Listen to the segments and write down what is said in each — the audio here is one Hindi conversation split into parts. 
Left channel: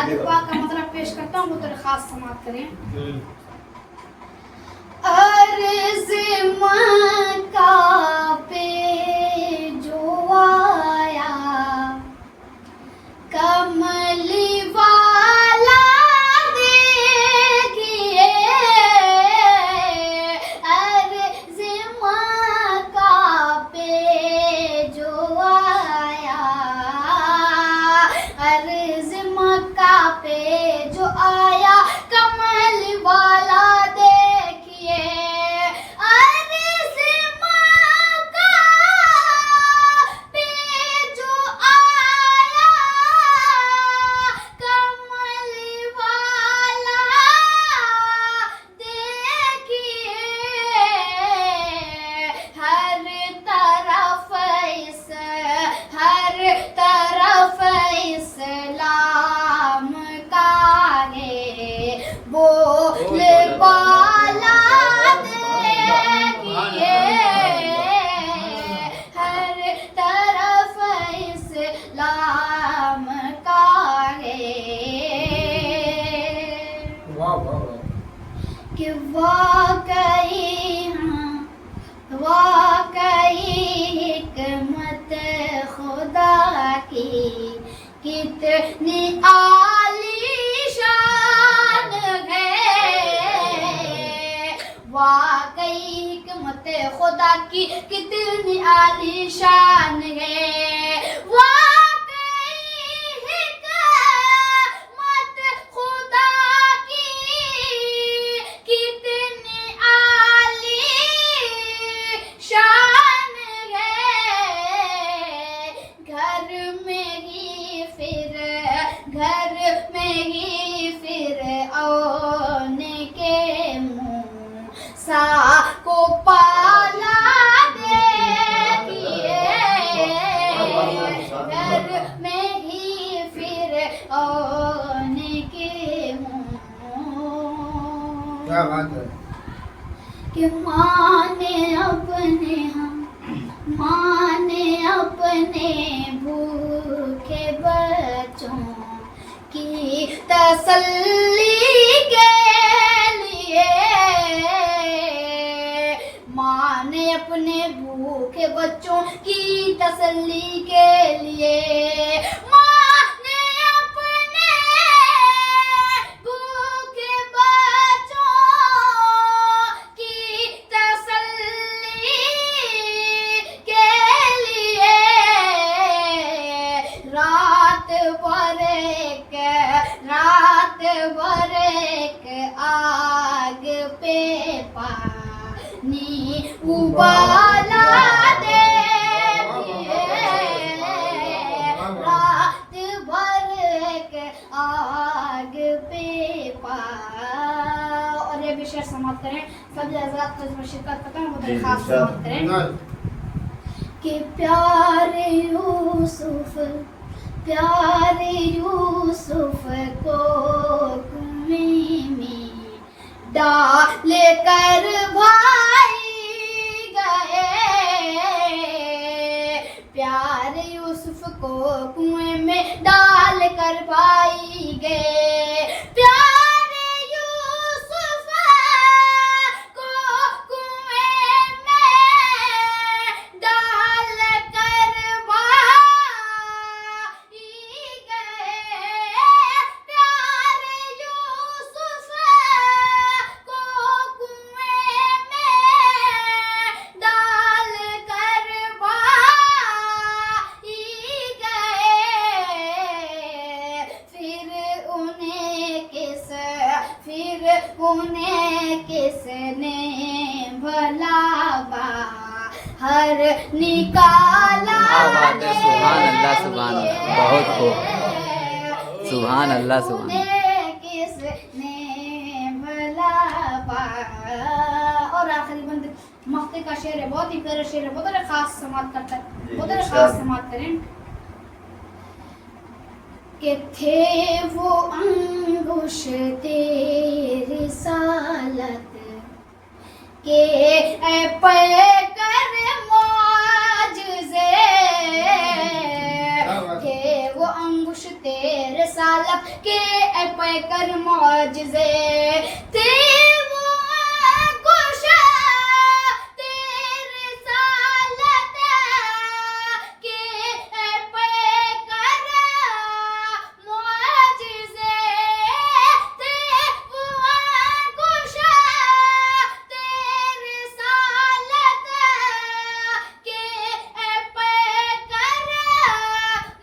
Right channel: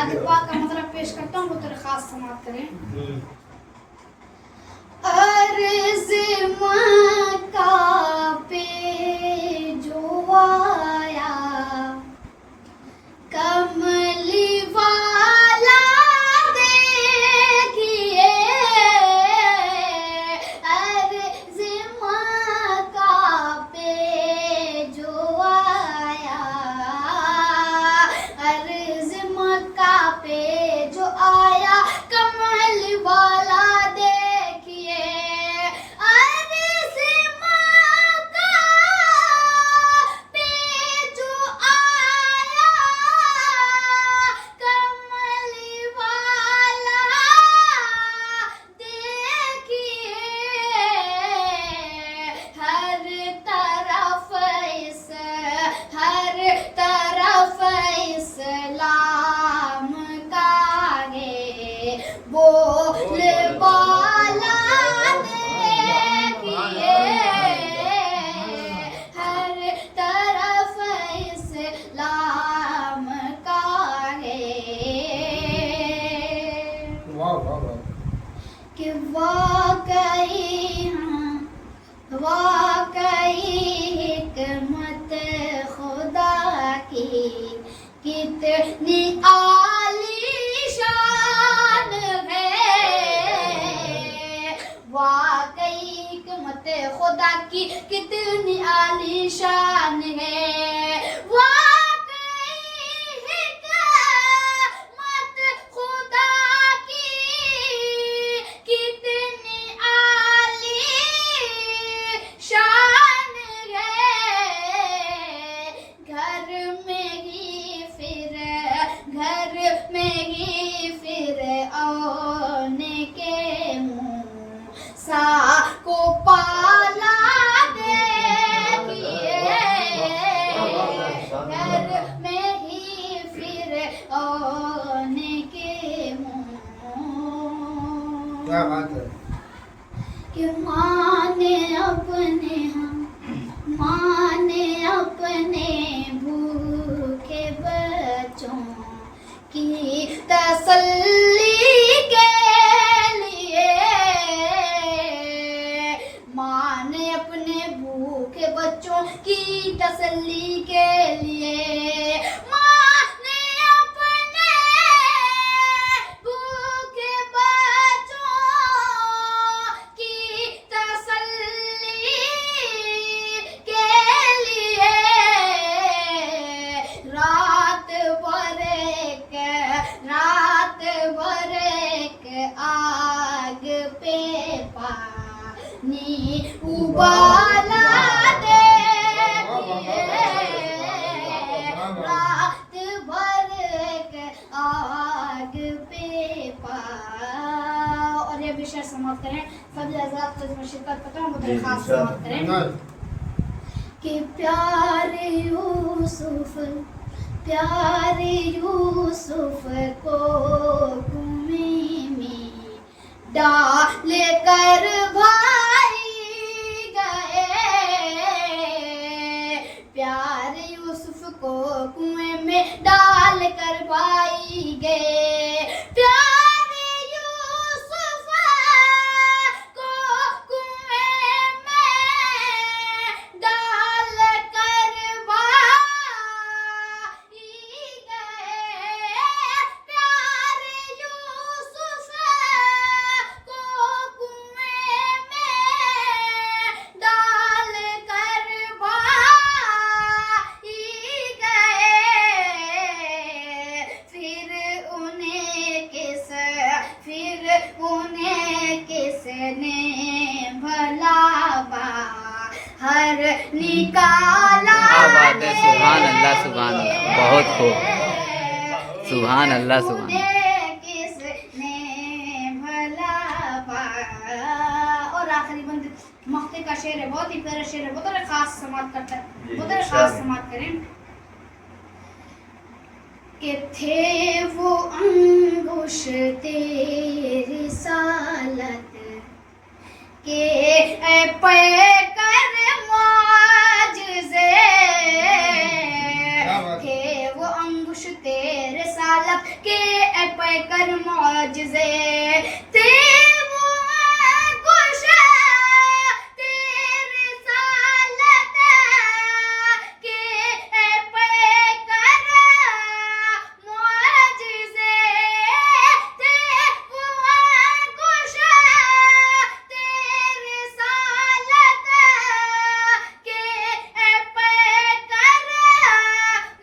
पाक का मतलब पेश करता हूँ, वो दरखास्त समाप्त करें। अर्ज़ मक्का पे जो आया कमली वाला देखिए, अर्ज़ मक्का पे जो आया, अर्ज़ मक्का पे जो आया कमली वाला देखिए, अर्ज़ मक्का पे जो आया कमली वाला देखिए, हर तरफ इस्लाम का है बोल बाला देखिए, हर तरफ इस्लाम का है कि वाकई हिकमत खुदा की कितनी आलीशान है, वाकई हिकमत खुदा की कितनी आलीशान है, वाकई हिकमत खुदा की कितनी आलीशान है, घर में ही फिर औने के मूसा को पाला देखिए, घर में ही फिर औने के क्या बात है कि माने अपने भूखे बच्चों की तसल्ली के लिए, माने अपने भूखे बच्चों की तसल्ली के लिए, माने अपने भूखे बच्चों की तसल्ली के लिए, रात भर एक आग पे पानी उबाला देखिए, रात भर एक आग पे और ये भी शेर समाप्त करें। सभी हज़रात को इसमें शिरकत करते हैं, वो दरखास्त समाप्त करें कि प्यारे यूसुफ को कुएं में डाल कर भाई गए, प्यारे यूसुफ को कुएं में डाल कर भाई गए, प्यारे यूसुफ को कुएं में डाल कर भाई गए, प्यारे यूसुफ को कुएं में डाल कर भाई गए, फिर उन्हें किसने भला बाहर निकाला। बात है, सुभान अल्लाह, सुभान अल्लाह, बहुत खूब, सुभान अल्लाह, सुभान अल्लाह। किसने भला और आखिरी बंद मक्ते का शेर है, बहुत ही प्यारा शेर है, बहुत खास समाप्त करता है, बहुत खास समाप्त करें कि थे वो अंगुश तेरी सालत के पे कर मौजज़े, थे वो अंगुश तेरे सालब के पैकर मौजज़े थे वो कुश तेरे सालत के पैकर मौजज़े थे वो कुश तेरे सालत के पैकर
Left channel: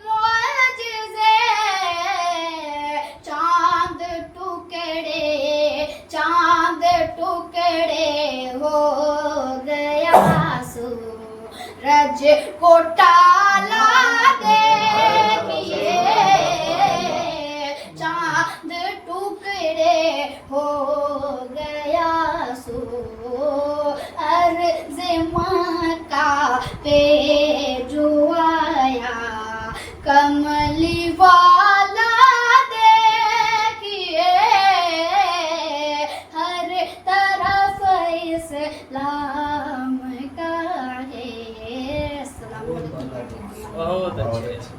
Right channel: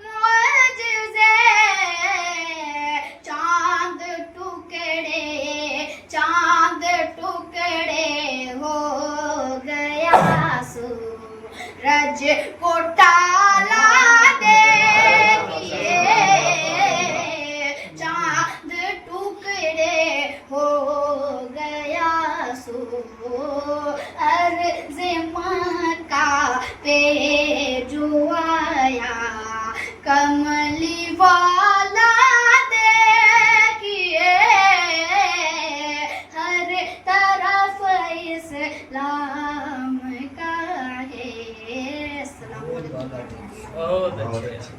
मौजज़े चांद टुकड़े हो गया सूरज को टाला देखिए चांद टुकड़े हो गया सूरज मक्का पे जो आया कमली वाला देखिए हर तरफ इस्लाम का है। अस्सलाम वालेकुम। बहुत अच्छे।